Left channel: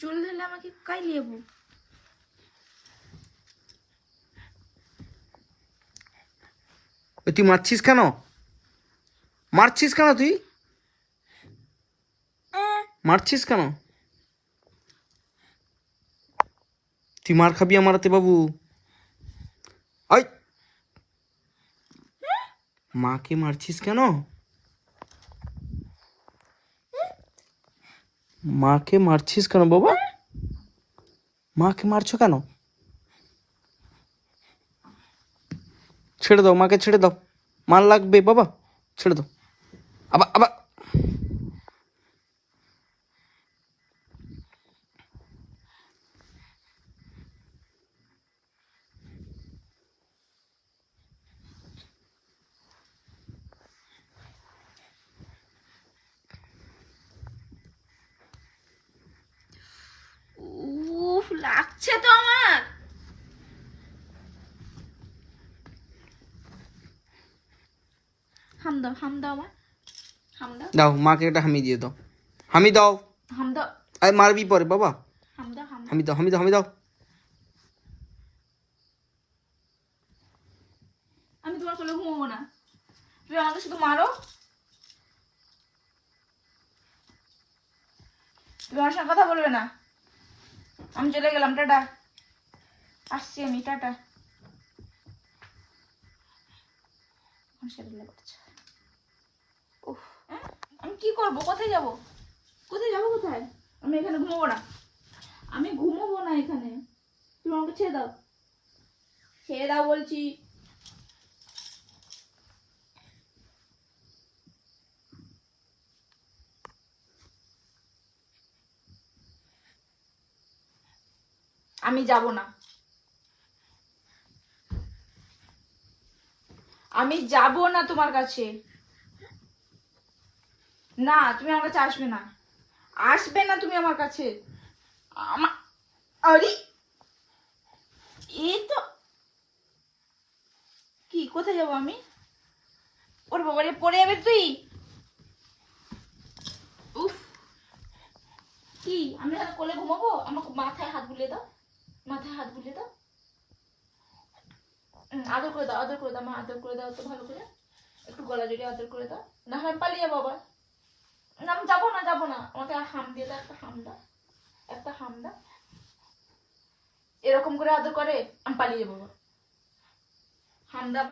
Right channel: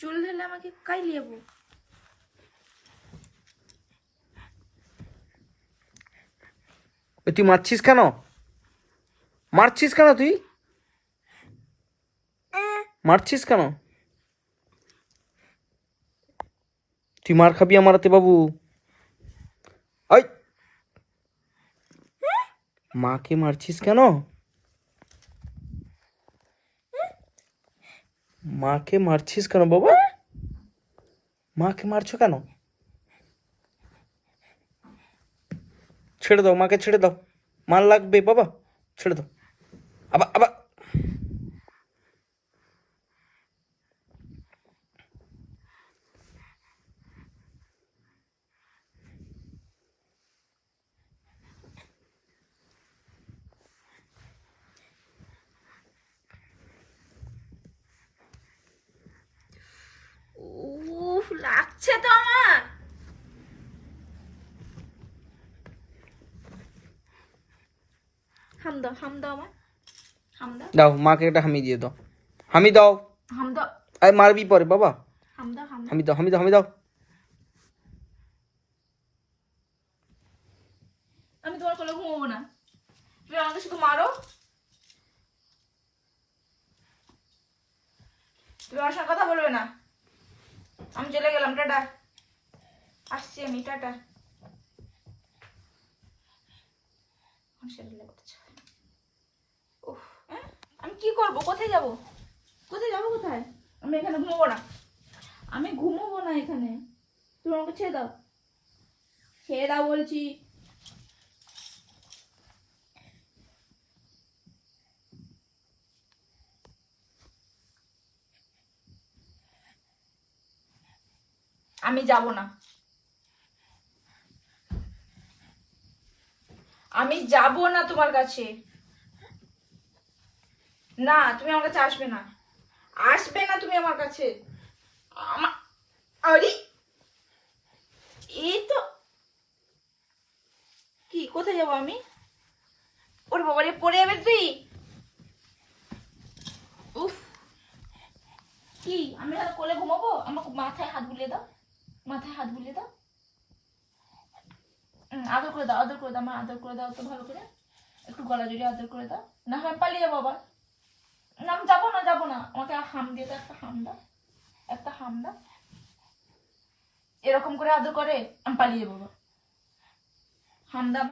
চুল ধরলে আমাকে কাই লিয়াবো? তুই মারছিস কেন? মারছিস কেন? তুই মারছিস কেন? তুই মার খাবি আমার হাতে বাবু। আই, মাকে মারছিস কেন? মাকে মারছিস কেন বাবা? মাকে মারছো কেন? ছেড়ে দাও, মাকে ছেড়ে দাও। মার লাগবে বাবা, ছেড়ে দাও। আবার আবার উফ, লাগছে তো আমার। হাম দাও, হাম দাও আমার, হাম দাও। দাও, মাকে একটা হামি দিয়ে দাও। হামি দাও। হাম দাও, আরে মারবি পরে বাবা। হাম দাও, হাম দাও। হামি দাও, হামি দাও, হামি দাও। আমি তোমার কোলে ঘুমাবো না, তুমি আমাকে শুধু মারো। তুমি আমার সঙ্গে কথা বলবে না। আমি চলে গেলাম, টাটা। আসছি আমি, টাটা। উফ, আমি কি করবো? কোথায় যাব? কোথায় যাবো? কোথায়? আমি এখানে ঘুমাবো না, আমি ঘুমাবো না এখানে। তুমি আমাকে ছেড়ে দাও, ছেড়ে দাও বলছি। আমি যাব না, আমি যাব না তোমার কাছে। না, তুমি আমার কাছে আসবে না, আসবে না তুমি আমার কাছে। আরে এই তো, কি কোথায় যাবো আমি? ওর বাবারে, পড়ে যাবে তুই। উফ, কি আমি আর কোলে ঘুমাবো? আমার মাথায় হাত বুলিয়ে দাও, মাথায় হাত বুলিয়ে দাও। আদর করে দাও, আদর করে দাও, আমার আদর করে দাও তো ভালো করে, একটু গলা জড়িয়ে আদর করে দাও। না হয় আমি পালিয়ে যাবো আবার। না, আমি যাবো না, যাবো না। আমাকে হাম দিয়ে দাও, একটা হাম দাও, একটা হাম দাও। এরকম করে আদর করে আমি পালিয়ে যাবো আবার। হাম দাও।